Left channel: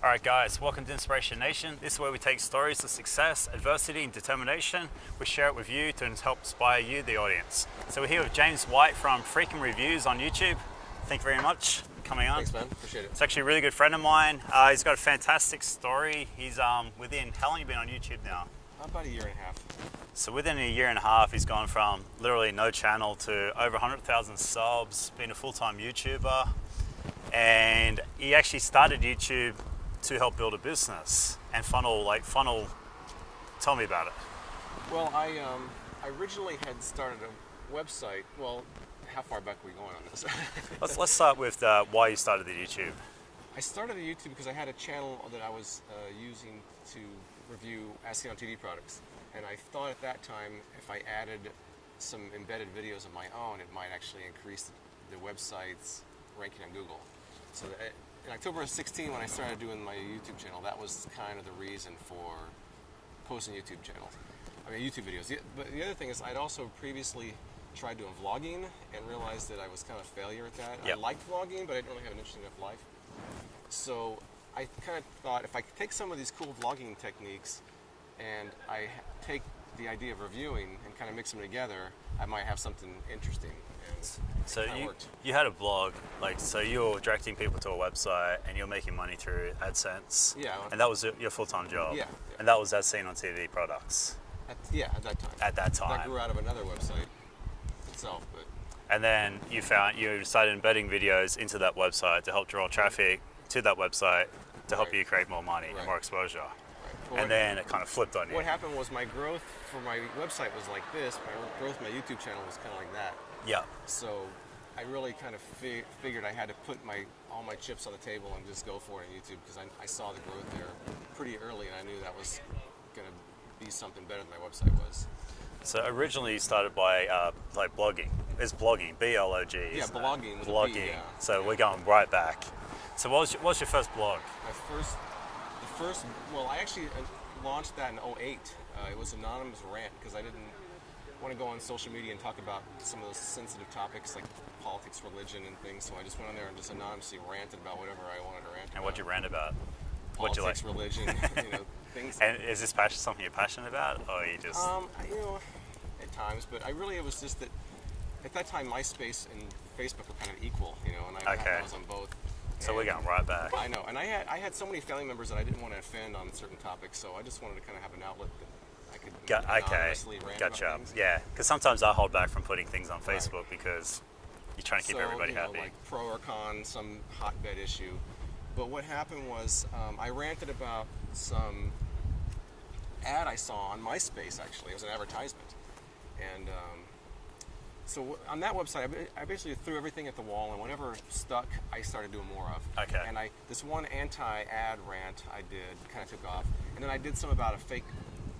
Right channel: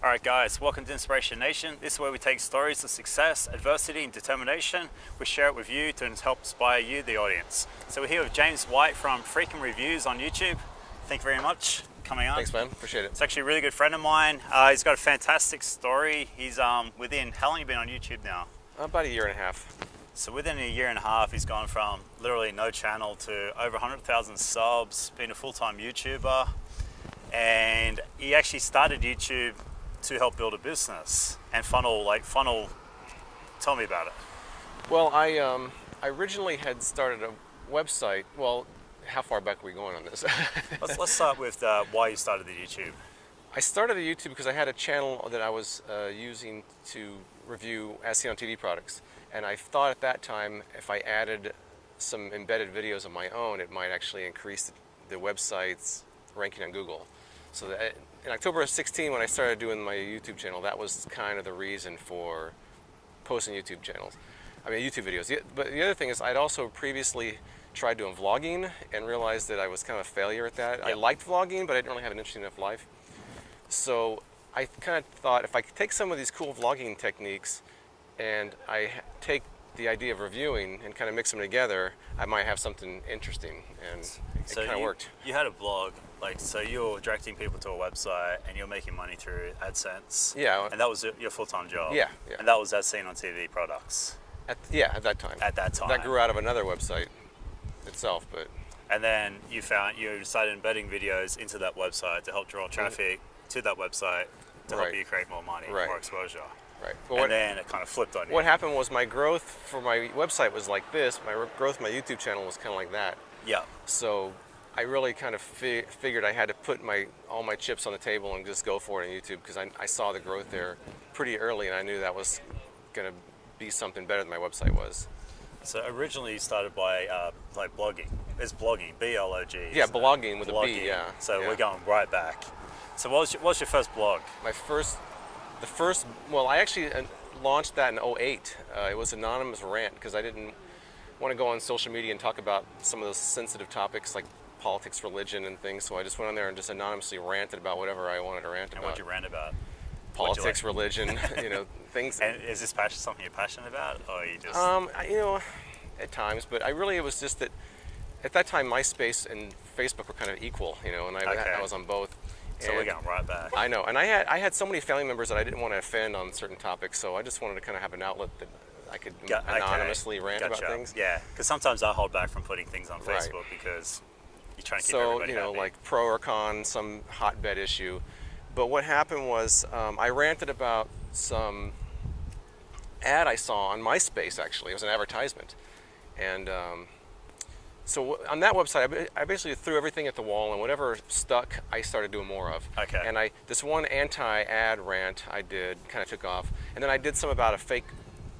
All right, guys, welcome to Inspiration Nation. This is where we take stories of success, adversity, and determination. We share it with you to help inspire you, the audience. So we're here with James White from Freakin Reviews on YouTube. Thank you very much for coming on. Thanks, man. Appreciate it. It's actually a really good friend of mine. He's got a fantastic story. He's within, how long have you been on YouTube now? About a year and a half. So within a year and a half, he's gone from literally no channel to over 100,000 subs, being a full-time YouTuber. And he actually started YouTube to help build a business and funnel. Tell me about it. Well, I originally had started a website. Well, how far back are we going on this? Let's start with why you started the YouTube. I started the YouTube because I had a channel that I was using to review as-seen on TV products. And I thought at that time, if I added some embedded videos of my own, it might actually increase the website's ranking on Google. So that, in October of 16, when I started doing my YouTube channel, that was kind of the reason for posting YouTube videos. But the other thing is I'd also previously tried doing vlogging and realized that I was kind of a failure at that. Yep. I liked vlogging, but I didn't really have an interesting enough life. So I kind of thought if I could take some of these cool vlogging techniques and I take the idea of reviewing and kind of mix them together, I might have something interesting. And so it kind of worked. You had a blog, so you're directing people to a website and you're making money through AdSense. Yeah. And that was your full-time job. Yeah. And that was as-seen on TV products. At that time. At that time. That grew out of another website itself, but. And then you started embedding videos into that website to help draw traffic to that website to help you create more money, more exposure. Right. Well, then it kind of flipped on you. What happened was my growth for my website was like this. My growth for my YouTube channel was kind of like that. Yeah. So I really kind of figured I had to put all my chips on the table and just go for it on YouTube because I saw the growth there pretty early and I knew that was going to be something better than my website was. So originally you started by blogging. It's blogging, B-L-O-G. Yeah, blogging with a B, yeah. So we're going right back. So what was your first blog? I actually launched that in 2008. It was anonymous rant because I didn't want to go on social media and talk about some of those sensitive topics like politics, religion, and things. So I just went on there and just anonymously ranted about whatever I wanted to rant about. And what'd you rant about? Politics, religion, things. And is this something you're passionate about, or you just? At times, but it was just that at that time MySpace and Facebook were kind of equal, and I was on both. So we're going right back. I know, and I had so many family members that I didn't want to offend on certain topics, so I just wanted to kind of have an outlet that I could anonymously rant about things. Yeah, because sometimes I hold back from putting things on Facebook because you're trying to keep everybody happy. Like pro or con, some hotbed issue. But what happened was I ranted about some ad I saw on MySpace, actually. It was an advertisement. And so on that website, I basically threw everything at the wall, and whatever stuck, I started doing more of. Okay. And this one anti-ad rant I did kind of took off. And then I did some about a fake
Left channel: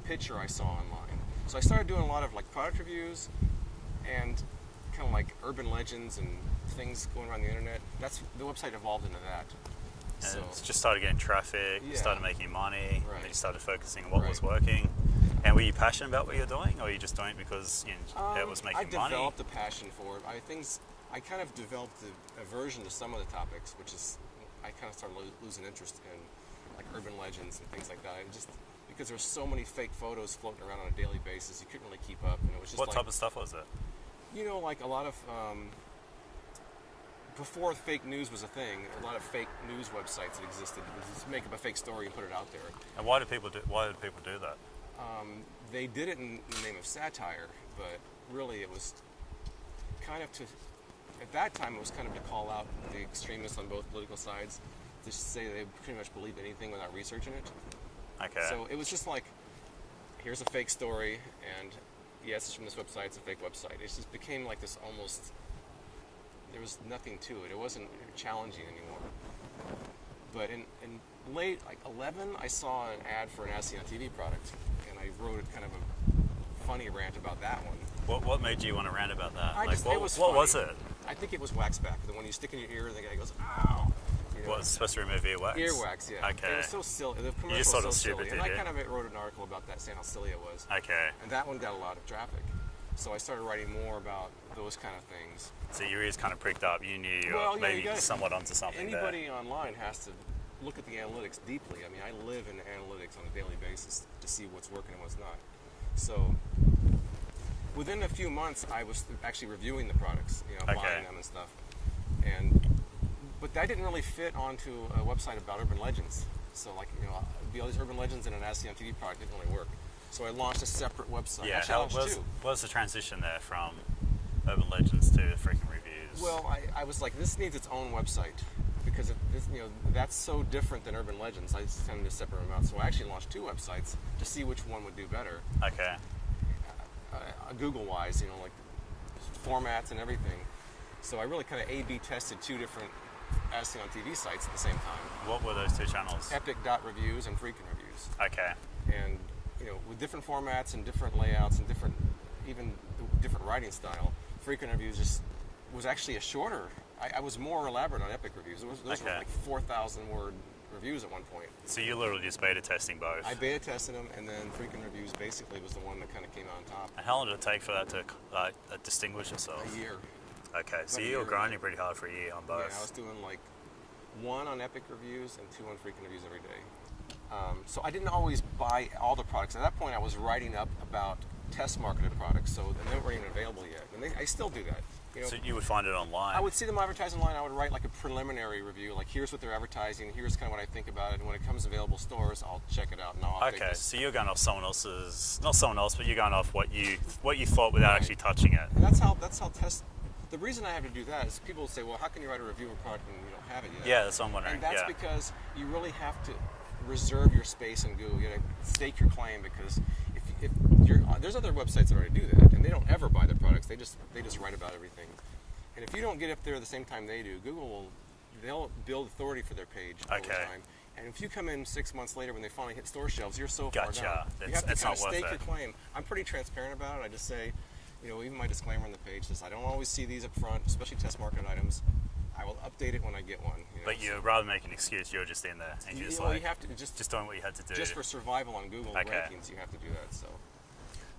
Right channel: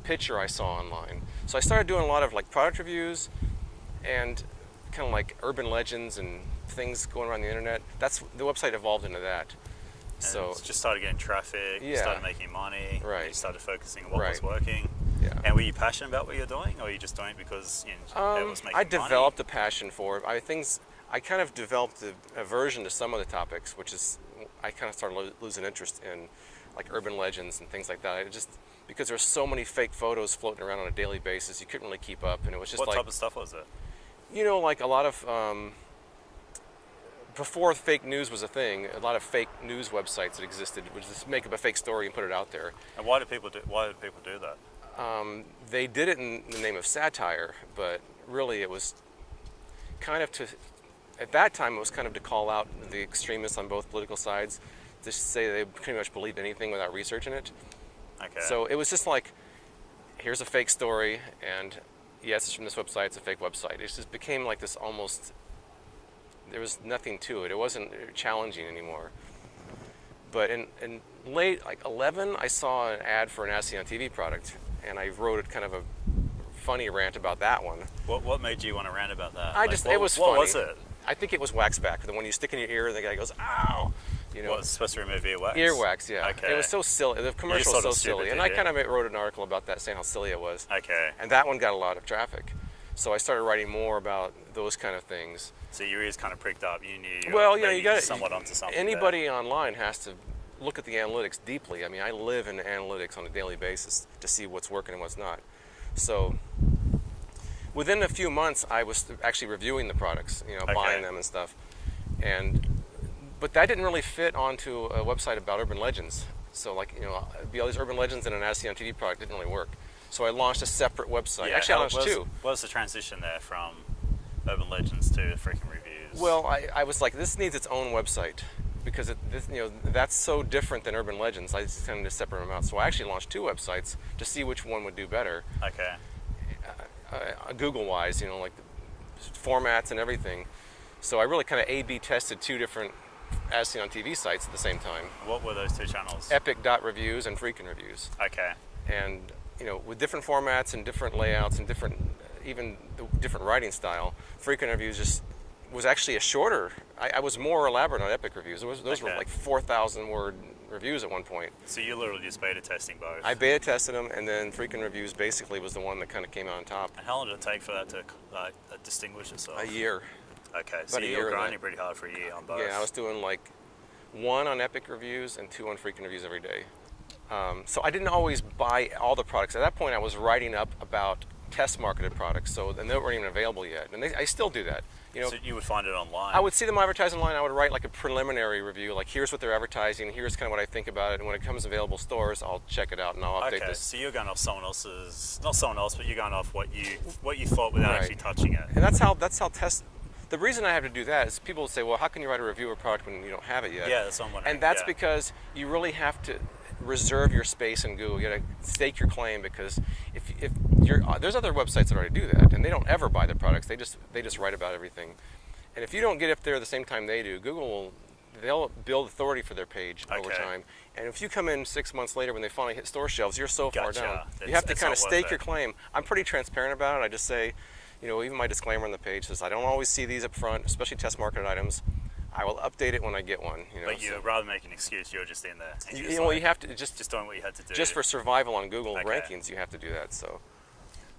picture I saw online. So I started doing a lot of like product reviews and kind of like urban legends and things going around the internet. The website evolved into that. And so it just started getting traffic, you started making money, and you started focusing on what was working. Yeah. And were you passionate about what you're doing, or were you just doing it because it was making money? I developed a passion for it. I kind of developed a aversion to some of the topics, which is I kind of started losing interest in like urban legends and things like that. Because there's so many fake photos floating around on a daily basis, you couldn't really keep up, and it was just what type of stuff was it? Like a lot of before fake news was a thing, a lot of fake news websites that existed would just make up a fake story and put it out there. And why did people do that? They did it in the name of satire, but really it was kind of at that time it was kind of to call out the extremists on both political sides, to say they pretty much believed anything without researching it. Okay. So it was just like, here's a fake story, and yes, it's from this website, it's a fake website. It just became like this almost, there was nothing to it. It wasn't challenging anymore. But in late, like 11, I saw an ad for an as-seen on TV product, and I wrote kind of a funny rant about that one. What made you want to rant about that? It was funny. What was it? I think it was waxback. The one you stick in your ear, the guy goes, ow! What, it's supposed to remove earwax? Earwax, yeah. Okay. It was so silly. The commercial was so silly. And I kind of wrote an article about that, saying how silly it was. Okay. And that one got a lot of traffic. So I started writing more about those kind of things. So your ears kind of pricked up. You knew you were maybe somewhat onto something. Anybody online has to look at the analytics deeply. I mean, I live in analytics on a daily basis to see what's working and what's not. So within a few months, I was actually reviewing the products, buying them and stuff. But that didn't really fit onto a website about urban legends. So all these urban legends and an ASCII on TV product didn't really work. So I launched a separate website. Yeah, Actually, I launched two. What was the transition there from urban legends to Freakin Reviews? Well, I was like, this needs its own website because that's so different than urban legends. I just tended to separate them out. So I actually launched two websites to see which one would do better. Okay. Google-wise, like formats and everything. So I really kind of A/B tested two different ASCII on TV sites at the same time. What were those two channels? Epic.reviews and Freakin Reviews. Okay. And with different formats and different layouts and different writing style, Freakin Reviews just was actually a shorter. I was more elaborate on Epic Reviews. Those were like 4,000 word reviews at one point. So you literally just beta testing both? I beta tested them, and then Freakin Reviews basically was the one that kind of came out on top. And how long did it take for that to distinguish itself? A year. Okay, so you were grinding pretty hard for a year on both. Yeah, I was doing like one on Epic Reviews and two on Freakin Reviews every day. So I didn't always buy all the products. At that point, I was writing up about test marketed products, so they weren't even available yet. And I still do that. So you would find it online? I would see them advertised online. I would write like a preliminary review, like here's what they're advertising, here's kind of what I think about it, and when it comes available stores, I'll check it out and I'll update this. So you're going off someone else's, not someone else, but you're going off what you thought without actually touching it. And that's how test. The reason I have to do that is people will say, well, how can you write a review of a product when you don't have it yet? Yeah, that's what I'm wondering. And that's because you really have to reserve your space in Google. You got to stake your claim, because if you're there's other websites that already do that, and they don't ever buy their products. They just write about everything. And if you don't get up there at the same time they do, they'll build authority for their page over time. And if you come in 6 months later when they finally hit store shelves, you're so far down. You have to kind of stake your claim. I'm pretty transparent about it. I just say, even my disclaimer on the page says I don't always see these up front, especially test marketed items. I will update it when I get one. But you'd rather make an excuse, you're just in there. And you have to just doing what you had to do. Just for survival on Google rankings, you have to do that.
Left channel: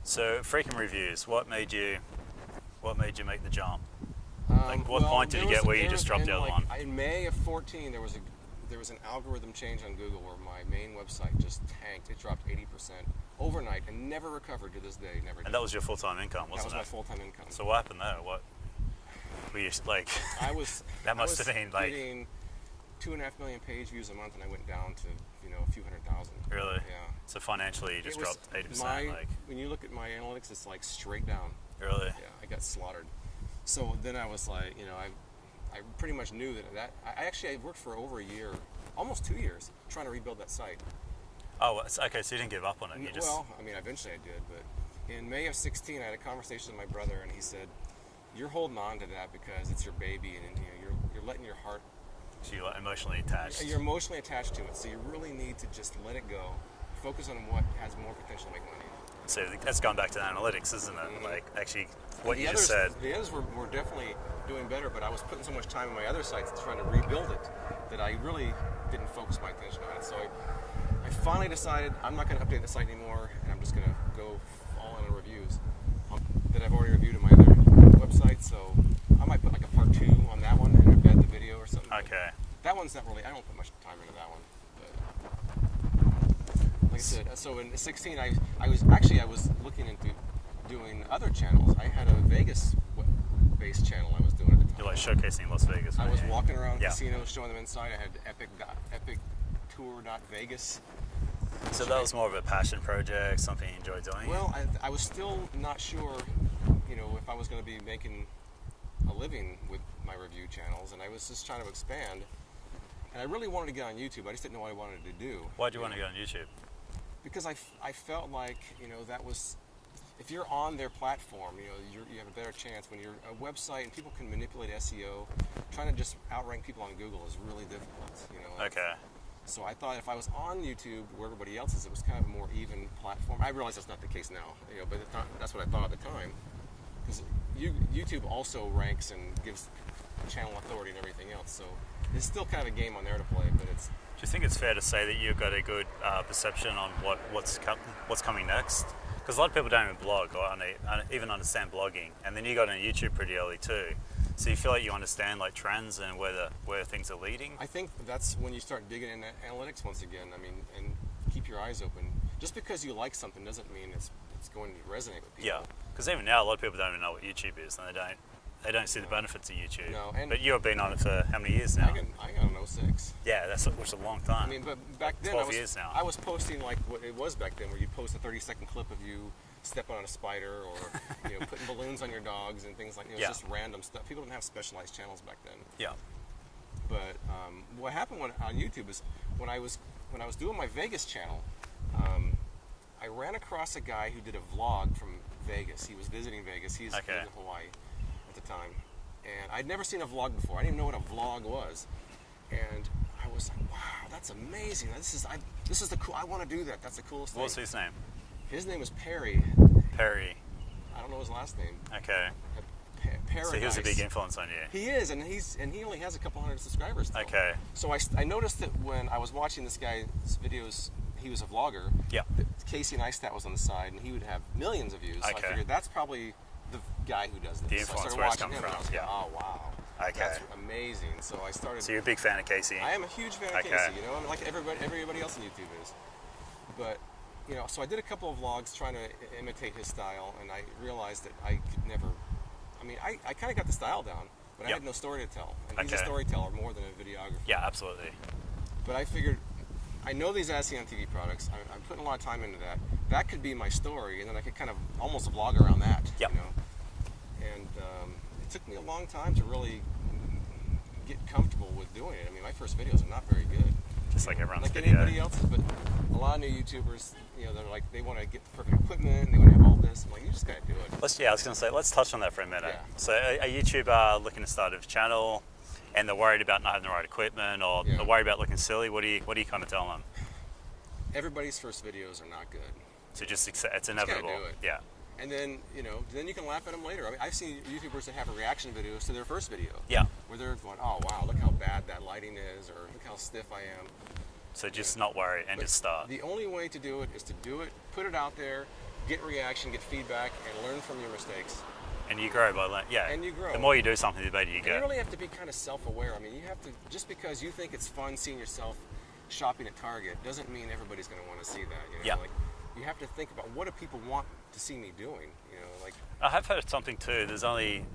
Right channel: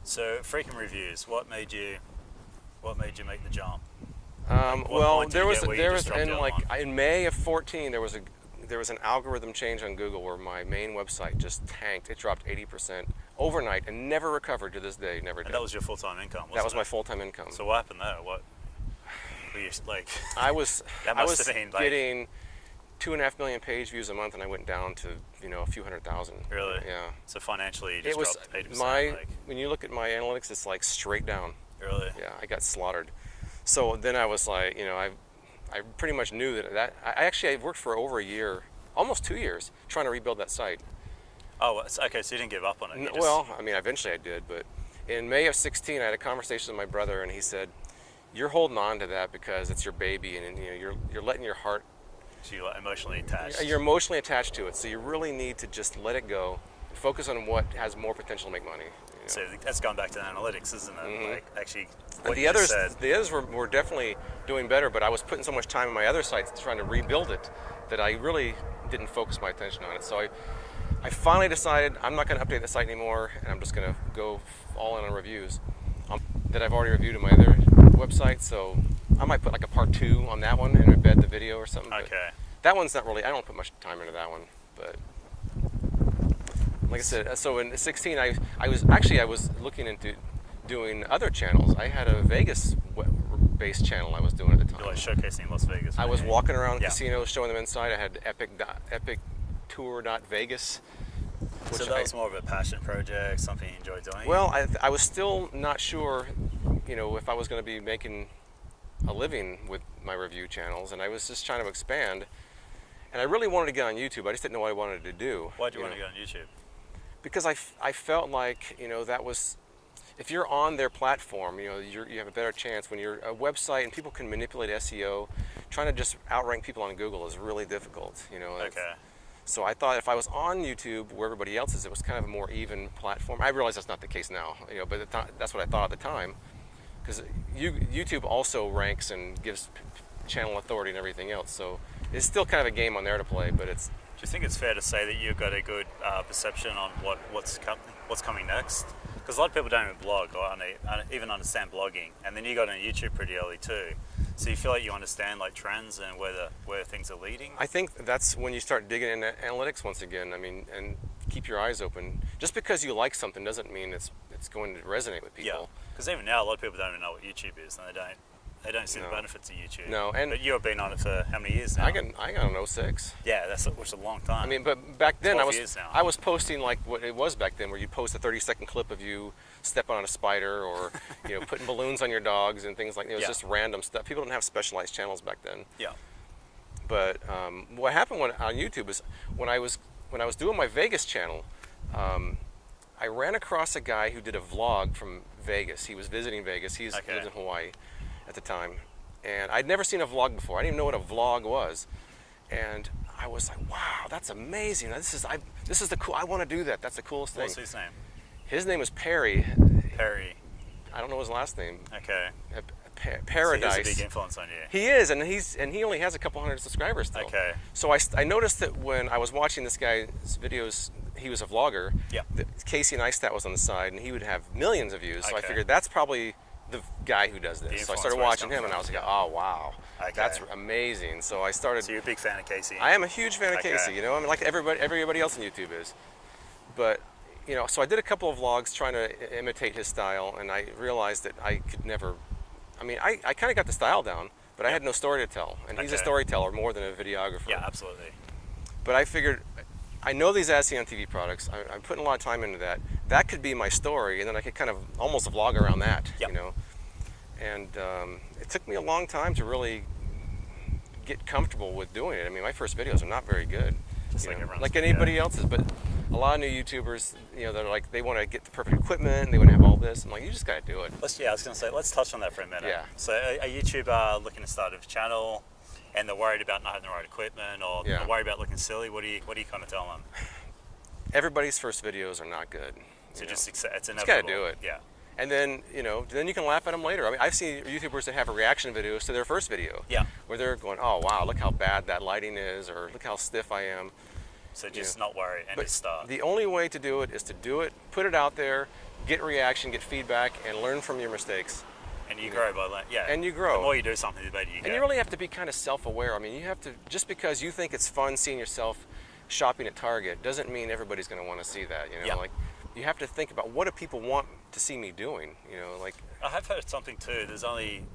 So Freakin Reviews, what made you make the jump? What point did you get where you just dropped the other one? In May of 2014, there was an algorithm change on Google where my main website just tanked. It dropped 80% overnight and never recovered to this day. Never did. And that was your full-time income, wasn't it? That was my full-time income. So what happened there? What were you like? I was getting 2.5 million page views a month, and I went down to a few 100,000. Really? Yeah. So financially, you just dropped 80%. When you look at my analytics, it's like straight down. Really? Yeah, I got slaughtered. So then I was like, I pretty much knew that I worked for over a year, almost 2 years, trying to rebuild that site. Oh, okay, so you didn't give up on it? Well, I mean, eventually I did, but in May of 2016, I had a conversation with my brother, and he said, you're holding on to that because it's your baby, and you're letting your heart... So you're emotionally attached? You're emotionally attached to it, so you really need to just let it go, focus on what has more potential to make money. So that's going back to the analytics, isn't it? Mm-hmm. Like, actually, what the you others, just said. The others were definitely doing better, but I was putting so much time on my other sites trying to rebuild it that I really didn't focus my attention on it. So I finally decided I'm not going to update the site anymore, and I'm just going to go all in on reviews that I've already reviewed on my other website. So I might put like a part 2 on that one and embed the video or something. Okay. That one's not really, I don't put much time into that one, but like I said, so in 2016, I was looking into doing other channels. I had a Vegas-based channel I was doing at the time. You're like showcasing Las Vegas. I was walking around casinos, showing them inside. I had Epic Tour.Vegas. So that was more of a passion project, something you enjoyed doing? Well, I was still not sure, if I was going to be making a living with my review channels, and I was just trying to expand. And I really wanted to get on YouTube. I just didn't know what I wanted to do. Why'd you want to get on YouTube? Because I felt like, that was, if you're on their platform, you have a better chance. When you're a website and people can manipulate SEO, trying to just outrank people on Google is really difficult, Okay. So I thought if I was on YouTube where everybody else is, it was kind of a more even platform. I realize that's not the case now, but that's what I thought at the time. Because YouTube also ranks and gives channel authority and everything else, so it's still kind of a game on there to play, but it's... Do you think it's fair to say that you've got a good perception on what's coming next? Because a lot of people don't even blog or even understand blogging, and then you got on YouTube pretty early too. So you feel like you understand like trends and where things are leading? I think that's when you start digging into analytics once again. I mean, and keep your eyes open. Just because you like something doesn't mean it's going to resonate with people. Yeah, because even now a lot of people don't even know what YouTube is, and they don't see the benefits of YouTube. No, and but you've been on it for how many years now? I got an 06. Yeah, which is a long time. I mean, but back then 12 years now. I was posting like what it was back then, where you post a 30-second clip of you stepping on a spider, or putting balloons on your dogs and things like that. It was just random stuff. People didn't have specialized channels back then. Yeah. But what happened on YouTube is when I was doing my Vegas channel, I ran across a guy who did a vlog from Vegas. He was visiting Vegas. He lived in Hawaii at the time, and I'd never seen a vlog before. I didn't even know what a vlog was, and I was like, "Wow, that's amazing! This is the cool. I want to do that. That's the coolest thing." What's his name? His name is Perry. Perry. I don't know his last name. Okay. Paradise. So he's a big influence on you. He is, and he only has a couple hundred subscribers still. Okay. So I noticed that when I was watching this guy's videos, he was a vlogger. Yeah. Casey Neistat was on the side, and he would have millions of views. So I figured that's probably the guy who does this. So I started watching him, and I was like, oh wow, that's amazing. So I started. So you're a big fan of Casey. I am a huge fan of Casey. I mean, like everybody else on YouTube is. But so I did a couple of vlogs trying to imitate his style, and I realized that I could never. I mean, I kind of got the style down, but I had no story to tell. And he's a storyteller more than a videographer. Yeah, absolutely. But I figured, I know these As Seen on TV products. I'm putting a lot of time into that. That could be my story, and then I could kind of almost vlog around that, And it took me a long time to really get comfortable with doing it. I mean, my first videos are not very good. Just like everyone's. Like anybody else's, but a lot of new YouTubers, they're like, they want to get the perfect equipment, and they want to have all this. I'm like, you just got to do it. I was going to say, let's touch on that for a minute. Yeah. So a YouTuber looking to start a channel, and they're worried about not having the right equipment, or they're worried about looking silly. What do you kind of tell them? Everybody's first videos are not good. So just accept, it's inevitable. You just got to do it. Yeah. And then, then you can laugh at them later. I mean, I've seen YouTubers that have reaction videos to their first video. Yeah. Where they're going, oh, wow, look how bad that lighting is, or look how stiff I am. So just not worry and just start. The only way to do it is to do it, put it out there, get reaction, get feedback, and learn from your mistakes. And you grow by learning. Yeah. And you grow. The more you do something, the better you get. And you really have to be kind of self-aware. I mean, you have to, just because you think it's fun seeing yourself shopping at Target doesn't mean everybody's going to want to see that. Like, you have to think about, what do people want to see me doing? Like. I have heard something too. There's only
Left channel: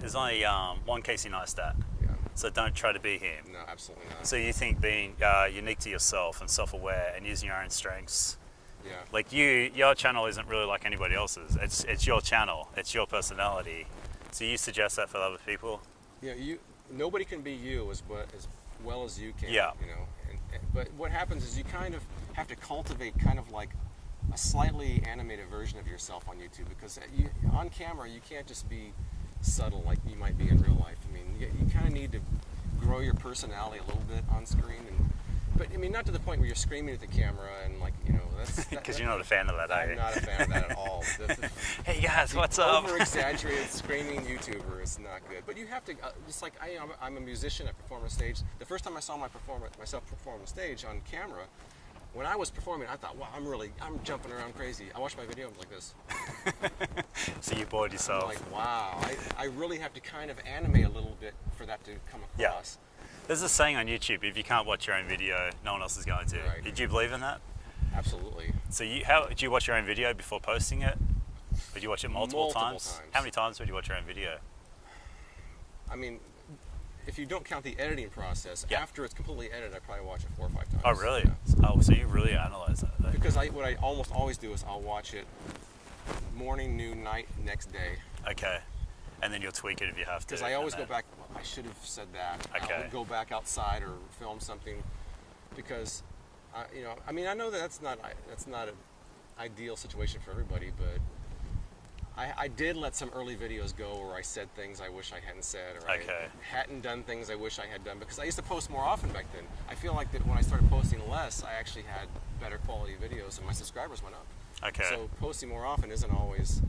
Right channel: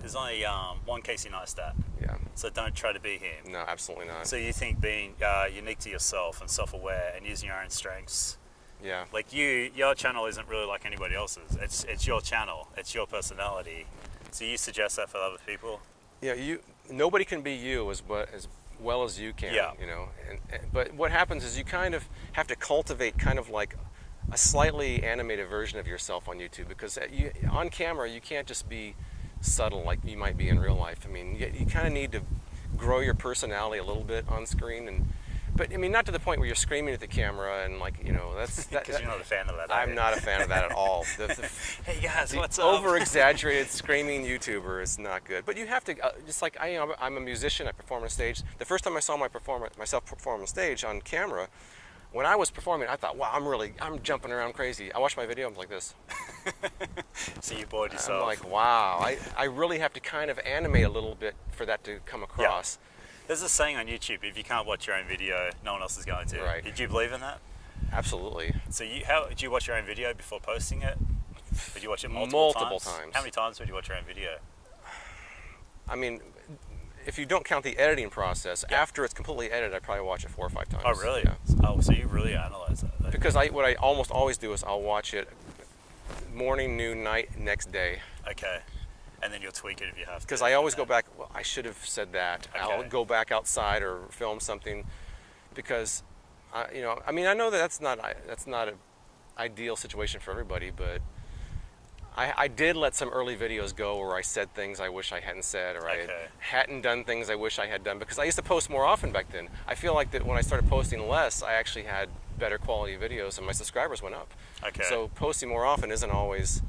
one Casey Neistat. Yeah. So don't try to be him. No, absolutely not. So you think being unique to yourself and self-aware and using your own strengths. Yeah. Like your channel isn't really like anybody else's. It's your channel. It's your personality. So you suggest that for other people? Yeah. Nobody can be you as well as you can. Yeah. But what happens is you kind of have to cultivate kind of like a slightly animated version of yourself on YouTube, because on camera you can't just be subtle like you might be in real life. I mean, you kind of need to grow your personality a little bit on screen, but I mean, not to the point where you're screaming at the camera and like, that's because you're not a fan of that. I'm not a fan of that at all. Hey guys, what's up? Over-exaggerated screaming YouTuber is not good. But you have to, just like I'm a musician. I perform on stage. The first time I saw myself perform on stage on camera, when I was performing, I thought, wow, I'm jumping around crazy. I watched my video, I'm like this. So you bored yourself. I'm like, wow, I really have to kind of animate a little bit for that to come across. Yeah. There's a saying on YouTube, if you can't watch your own video, no one else is going to. Right. Did you believe in that? Absolutely. So did you watch your own video before posting it? Did you watch it multiple times? How many times would you watch your own video? I mean, if you don't count the editing process, after it's completely edited, I probably watch it 4 or 5 times. Oh, really? Yeah. Oh, so you really analyze that then? Because what I almost always do is I'll watch it morning, noon, night, next day. Okay. And then you'll tweak it if you have to. Because I always go back, well, I should have said that. Okay. I'll go back outside or film something, because, I mean, I know that that's not an ideal situation for everybody, but I did let some early videos go where I said things I wish I hadn't said, or I hadn't done things I wish I had done, because I used to post more often back then. I feel like that when I started posting less, I actually had better quality videos and my subscribers went up. Okay. So posting more often isn't always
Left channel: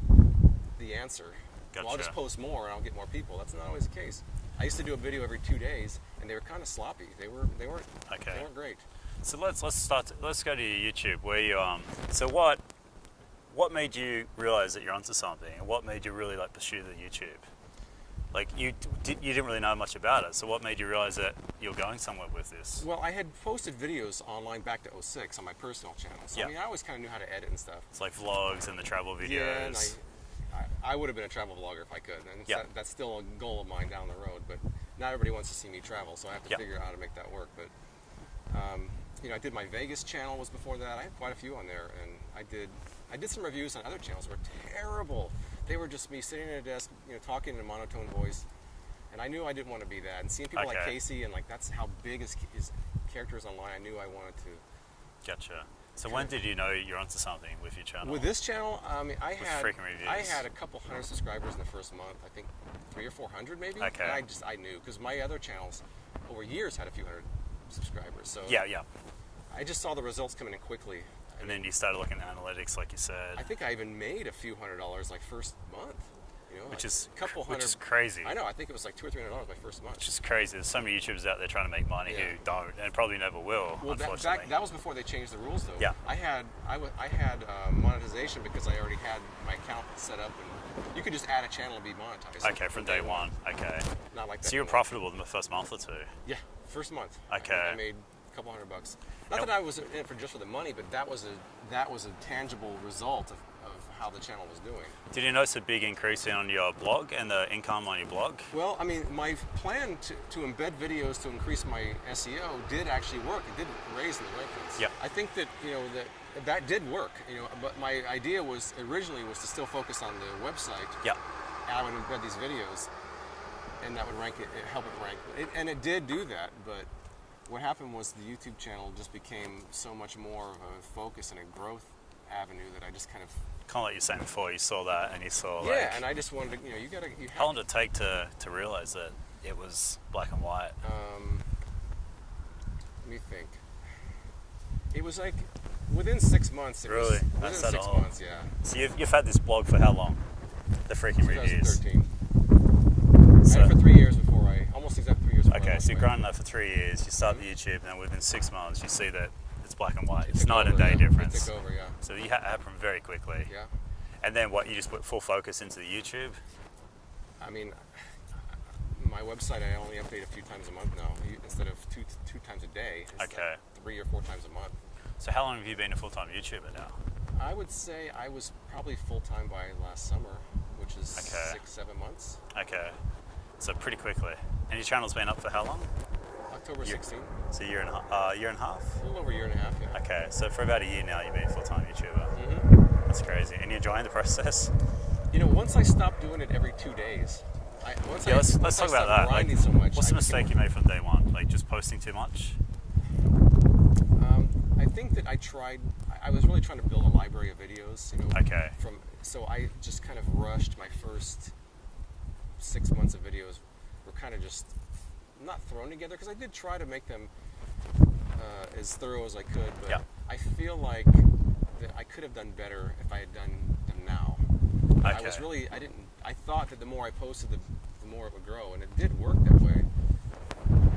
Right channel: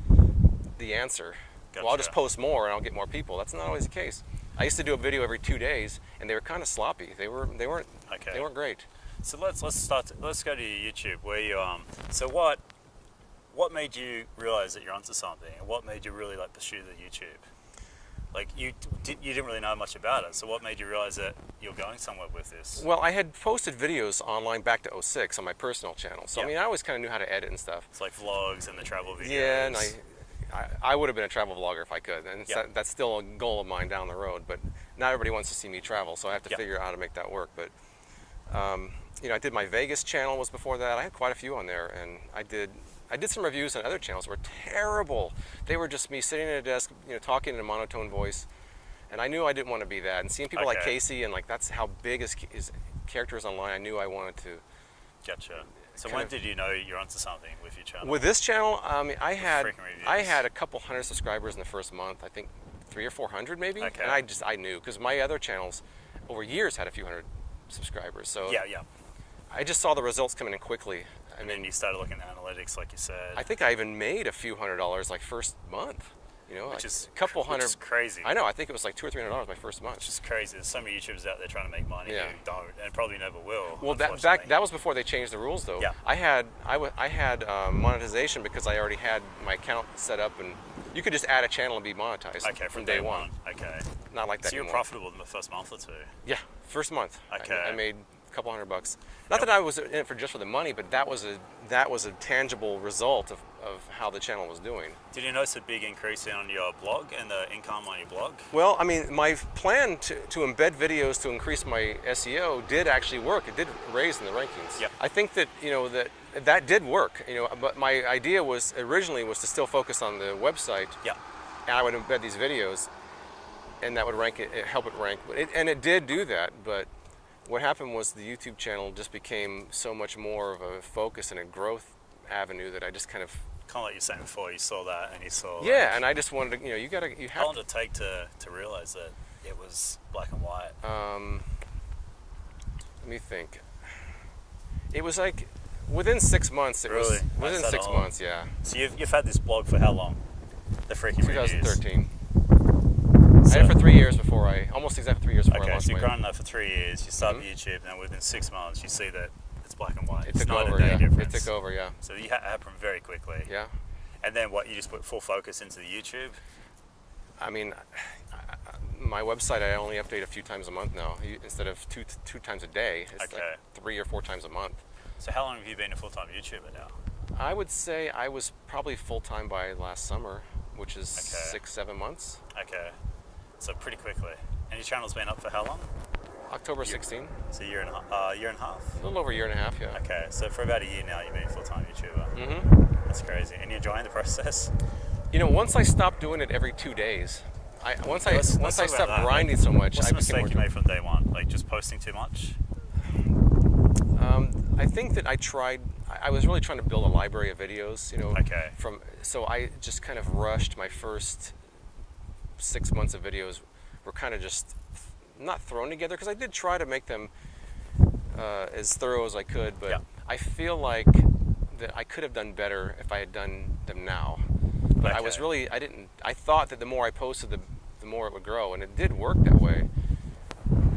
the answer. Gotcha. Well, I'll just post more and I'll get more people. That's not always the case. I used to do a video every 2 days, and they were kind of sloppy. They weren't great. So let's go to your YouTube, where you so what made you realize that you're onto something, and what made you really like pursue the YouTube? Like you didn't really know much about it. So what made you realize that you're going somewhere with this? Well, I had posted videos online back to '06 on my personal channel. So Yeah. I mean, I always kind of knew how to edit and stuff. It's like vlogs and the travel videos. Yeah, and I would have been a travel vlogger if I could, and Yeah. that's still a goal of mine down the road. But not everybody wants to see me travel, so I have to Yeah. figure out how to make that work. But you know, I did my Vegas channel was before that. I had quite a few on there, and I did some reviews on other channels that were terrible. They were just me sitting at a desk, you know, talking in a monotone voice, and I knew I didn't want to be that. And seeing people like Okay. Casey, and like that's how big his character is online, I knew I wanted to. Gotcha. So when did you know you're onto something with your channel? With this channel, I mean, I Freakin Reviews. had a couple hundred subscribers in the first month. I think 300 or 400 maybe. Okay. And I knew because my other channels over years had a few hundred subscribers. So Yeah. I just saw the results coming in quickly. And then you started looking at analytics, like you said. I think I even made a few $100s like first month. You know, which like is a couple hundred. Which is crazy. I know. I think it was like $200 or $300 my first month. Which is crazy. There's so many YouTubers out there trying to make money Yeah. who don't, and probably never will. Well, unfortunately. that was before they changed the rules, though. Yeah. I had monetization because I already had my account set up, and you could just add a channel and be monetized. Okay, from day one. Okay. Not like that. So you were anymore. profitable in the first month or two. Yeah, first month. Okay. I made a couple $100. Not that I was in it for just for the money, but that was a tangible result of how the channel was doing. Did you notice a big increase on your blog and the income on your blog? Well, I mean, my plan to embed videos to increase my SEO did actually work. It did raise in the rankings. Yep. I think that that did work. You know, but my idea was originally to still focus on the website. Yeah. And I would embed these videos, and that would help it rank. And it did do that, but what happened was the YouTube channel just became so much more of a focus and a growth avenue that I just kind of Like you were saying before, you saw that and you saw and I just wanted to, you have how long did it take to realize that it was black and white? let me think. It was like within 6 months. Really? Within That's 6 all? months, yeah. So you've had this blog for how long? The Freakin Reviews. 2013. So, I had it for 3 years almost exactly 3 years before I okay, lost so you've weight. grown that for 3 years. You start the YouTube, and then within 6 months, you see that it's black and white. It It's took night over, and day yeah. difference. It took over, yeah. So you happened very quickly. Yeah. And then what? You just put full focus into the YouTube. I mean, my website I only update a few times a month now instead of two times a day. It's Okay. like 3 or 4 times a month. So how long have you been a full-time YouTuber now? I would say I was probably full-time by last summer, which is Okay. 6-7 months. Okay, so pretty quickly. And your channel's been up for how long? October 16, So a year and a half? a little over a year and a half, yeah. Okay, so for about a year now, you've been a full-time YouTuber. Mm-hmm. That's crazy. And you're enjoying the process? You know, once I stopped doing it every 2 days, once I let's talk stopped about that. grinding so much. What's I the became mistake more you made from day one? Like just posting too much? I think that I was really trying to build a library of videos, you know. Okay. So I just kind of rushed my first 6 months of videos were kind of just not thrown together because I did try to make them as thorough as I could, but Yeah. I feel like that I could have done better if I had done them now. But Okay. I thought that the more I posted, the more it would grow, and it did work that way.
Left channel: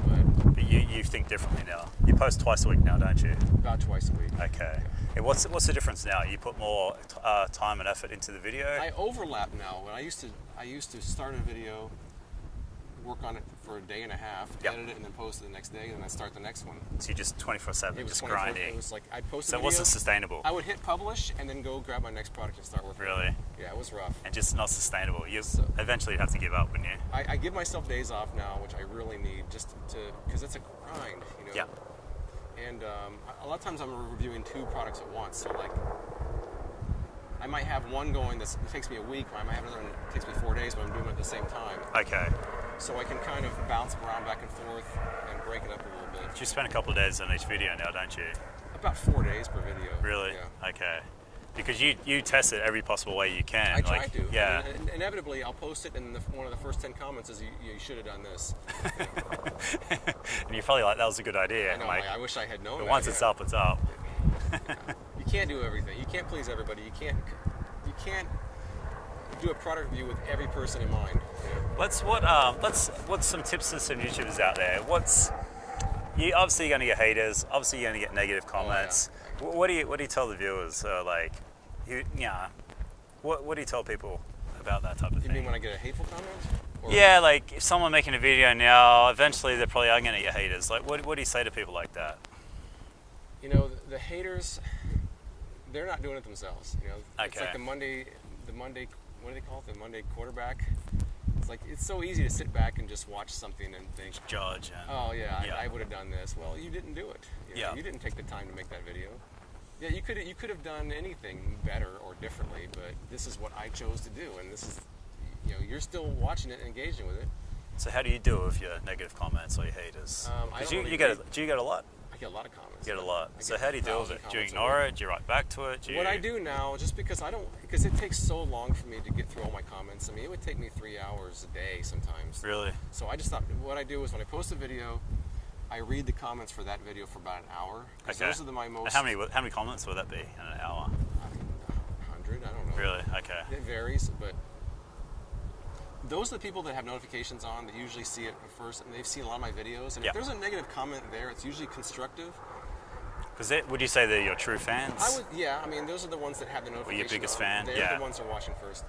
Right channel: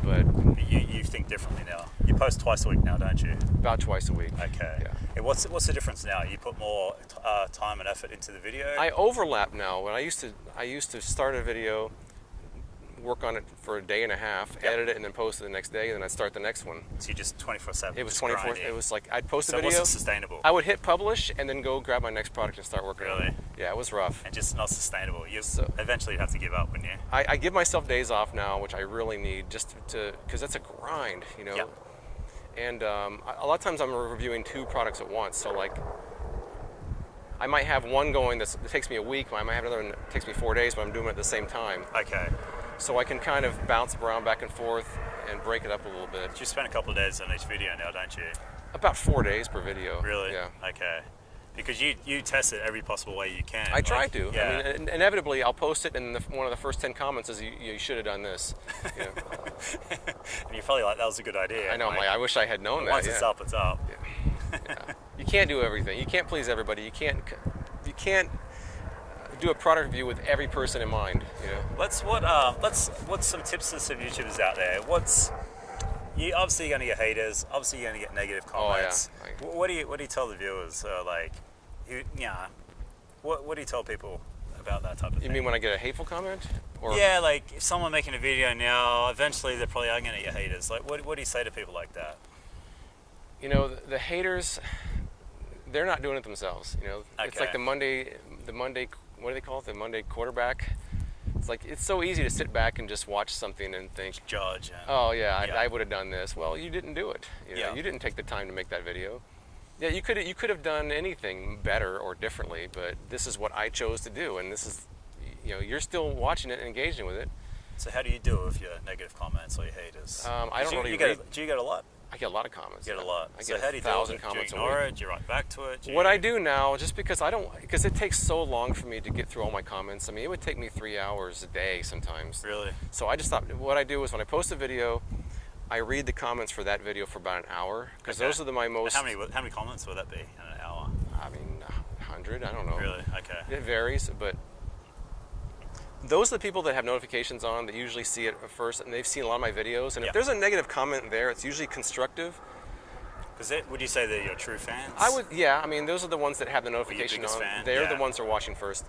But But you think differently now. You post twice a week now, don't you? about twice a week. Okay. Yeah. And what's the difference now? You put more time and effort into the video? I overlap now. When I used to start a video, work on it for a day and a half, Yep. edit it, and then post it the next day, and then I'd start the next one. So you just 24/7, It was just 24. grinding. It was like I'd post a So it video. wasn't sustainable. I would hit publish and then go grab my next product and start working. on Really? it. Yeah, it was rough. And just not sustainable. So- Eventually you'd have to give up, wouldn't you? I give myself days off now, which I really need, just because that's a grind, you know. Yeah. And a lot of times I'm reviewing 2 products at once, so like I might have one going that takes me a week, I might have another one that takes me 4 days, but I'm doing it at the same time. Okay. So I can kind of bounce around back and forth and break it up a little bit. You spend a couple of days on each video now, don't you? About 4 days per video. Really? Yeah. Okay. Because you test it every possible way you can. I try to. Yeah. I mean, inevitably, I'll post it, and one of the first 10 comments is, "You should have done this." You know? And you're probably like, that was a good idea. I know. Like, I wish I had known but that. once it's yeah. up, it's up. You can't do everything. You can't please everybody. You can't do a product review with every person in mind. You know? What's some tips to some YouTubers out there? You obviously you're gonna get haters. Obviously you're gonna get negative comments. Oh, yeah. What do you tell the viewers? What do you tell people about that type of thing. You mean when I get a hateful comment? Or Yeah, like if someone making a video now, eventually they probably are going to get haters. Like, what do you say to people like that? You know, the haters, they're not doing it themselves. You know, it's like the Monday, what do they call it? The Monday quarterback. It's like it's so easy to sit back and just watch something and think, Judge. And, oh yeah, I would have done this. Well, you didn't do it. You know, Yeah. you didn't take the time to make that video. Yeah, you could have done anything better or differently, but this is what I chose to do, and this is, you know, you're still watching it and engaging with it. So how do you deal with your negative comments or your haters? I don't really Do you get a lot? I get a lot of comments. You get a lot. I So get how do you deal with 1,000 it? Do you comments a ignore week. it? Do you write back to it? What I do now, just because it takes so long for me to get through all my comments. I mean, it would take me 3 hours a day sometimes. Really? So I just thought, what I do is when I post a video, I read the comments for that video for about an hour. Because those are my most... How many comments would that be in an hour? I mean, 100, I don't know. Really? Okay. It varies, but those are the people that have notifications on that usually see it first, and they've seen a lot of my videos. And if there's a negative comment there, it's usually constructive. Because would you say they're your true fans? Yeah. I mean, those are the ones that have the notification. Or your biggest on. fan? They're the ones that are watching first,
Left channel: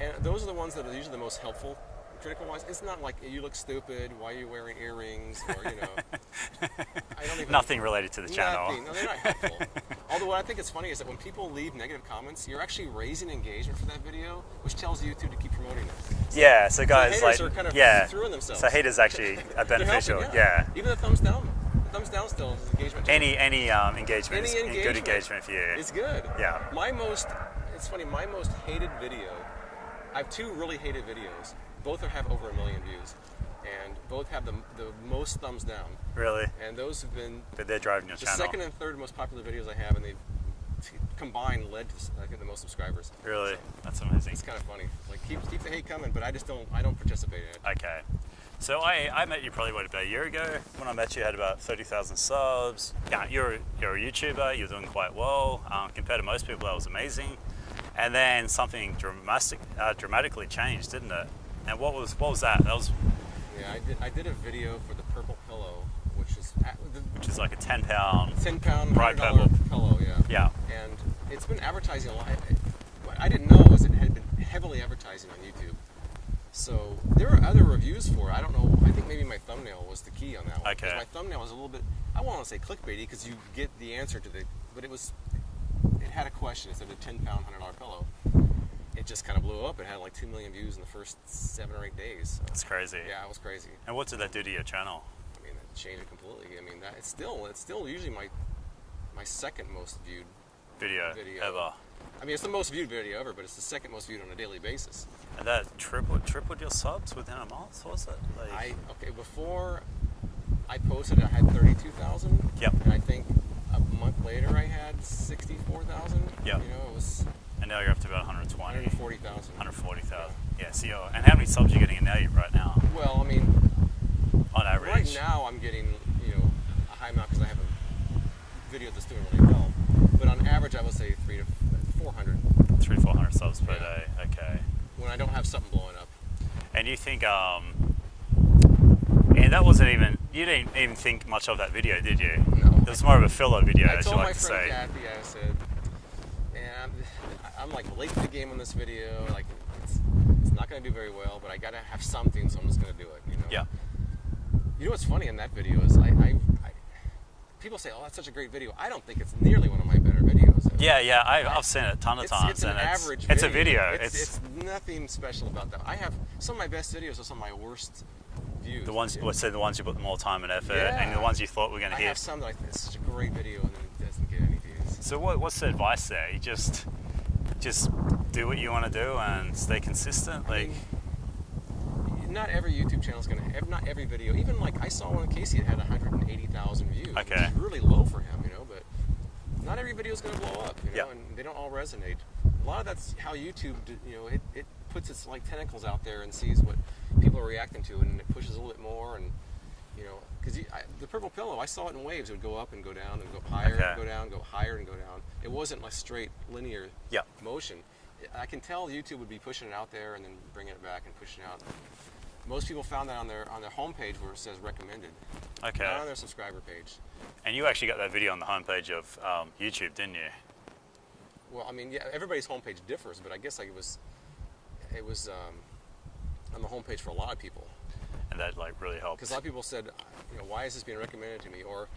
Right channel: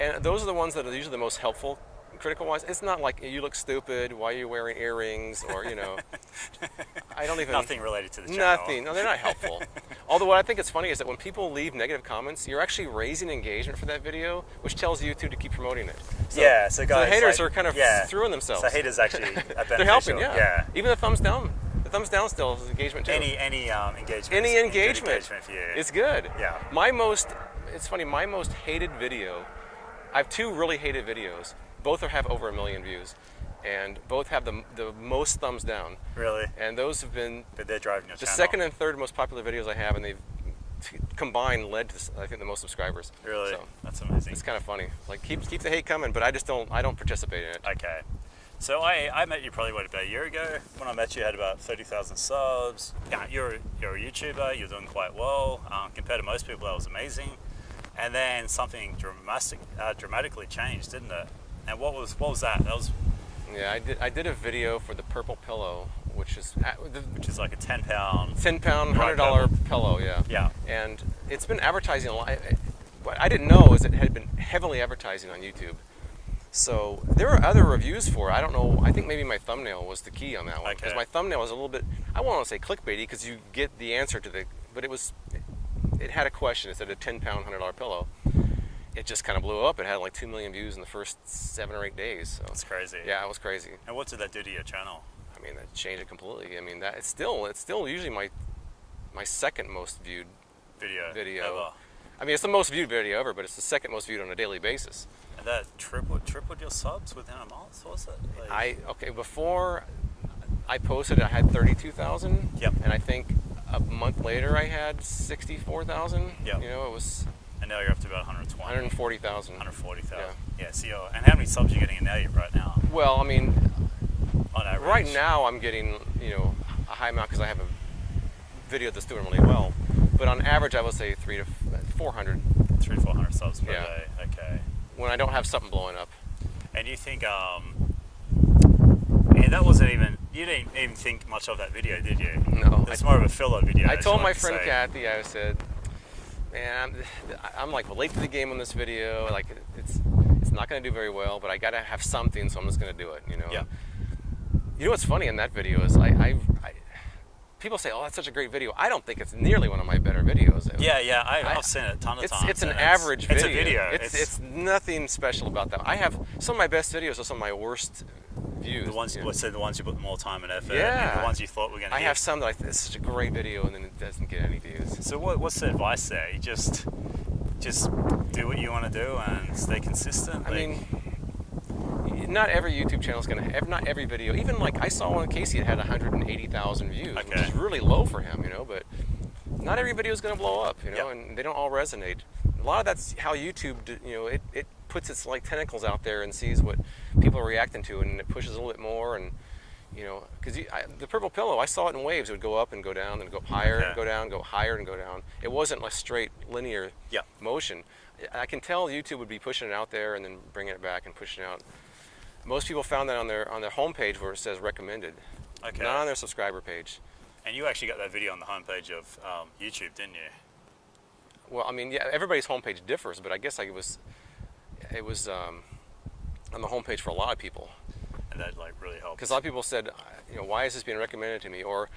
and those are the ones that are usually the most helpful. Critical-wise, it's not like you look stupid. Why are you wearing earrings? Or I don't even. Nothing related to the channel. Nothing. No, they're not helpful. Although what I think is funny is that when people leave negative comments, you're actually raising engagement for that video, which tells YouTube to keep promoting it. So guys, the haters are kind of throwing themselves. So haters actually are beneficial. They're helping, even the thumbs down. The thumbs down still is engagement too. Any engagement. Good engagement for you. It's good. Yeah. It's funny. My most hated video. I have 2 really hated videos. Both have over 1 million views, and both have the most thumbs down. Really? And those have been But they're driving your the channel. second and third most popular videos I have, and they've combined led to, I think, the most subscribers. Really? So That's amazing. it's kind of funny. Like keep the hate coming, but I don't participate in it. Okay. So I met you probably about a year ago. When I met you, you had about 30,000 subs. Yeah, you're a YouTuber. You're doing quite well compared to most people. That was amazing. And then something dramatically changed, didn't it? And what was that? That was. Yeah, I did a video for the purple pillow, which is like a 10-pound. $10 bright $100 pillow. Yeah. Yeah. And it's been advertising a lot. What I didn't know is it had been heavily advertising on YouTube. So there were other reviews for it. I don't know. I think maybe my thumbnail was the key on that one. Okay. Because my thumbnail was a little bit, I won't want to say clickbaity because you get the answer to but it had a question. It said a 10-pound $100 pillow. It just kind of blew up. It had like 2 million views in the first 7 or 8 days. So. That's crazy. Yeah, it was crazy. And what did that do to your channel? I mean, that changed it completely. I mean, it's still usually my second most viewed video ever. I mean, it's the most viewed video ever, but it's the second most viewed on a daily basis. And that tripled your subs within a month, was it? Before I posted, I had 32,000. Yep. And I think a month later, I had 64,000. Yep. It was. And now you're up to about 120. 140,000. 140,000. Yeah. So and how many subs are you getting right now? Well, I mean, on average. Right now, I'm getting a high amount because I have a video that's doing really well. But on average, I would say 300 to 400. 300 to 400 subs per day. Okay. When I don't have something blowing up. And you think, and that wasn't even, you didn't even think much of that video, did you? No. It was more of a filler video. I told my friend Kathy, I said, man, I'm like late to the game on this video. Like it's not going to do very well, but I got to have something, so I'm just going to do it. Yeah. You know what's funny in that video is people say, "Oh, that's such a great video." I don't think it's nearly one of my better videos. Yeah, I've seen it a ton of times. It's an average video. It's a video. It's nothing special about that. I have some of my best videos are some of my worst views. The ones, let's say the ones you put more time and effort, Yeah. and the ones you thought were going to hit. I have some that it's such a great video, and then it doesn't get any views. So what's the advice there? You just do what you want to do and stay consistent. I mean, not every YouTube channel is going to have, not every video, even like I saw one Casey that had 180,000 views, which is really low for him, but not every video is going to blow up, and they don't all resonate. A lot of that's how YouTube, it puts its like tentacles out there and sees what people are reacting to, and it pushes a little bit more, and because the purple pillow, I saw it in waves. It would go up and go down, and go up higher, and go down, go higher, and go down. It wasn't like straight linear motion. I can tell YouTube would be pushing it out there and then bringing it back and pushing it out. Most people found that on their homepage where it says recommended, not on their subscriber page. And you actually got that video on the homepage of YouTube, didn't you? Well, I mean, yeah, everybody's homepage differs, but I guess it was on the homepage for a lot of people. And that like really helped. Because a lot of people said, why is this being recommended to me? Or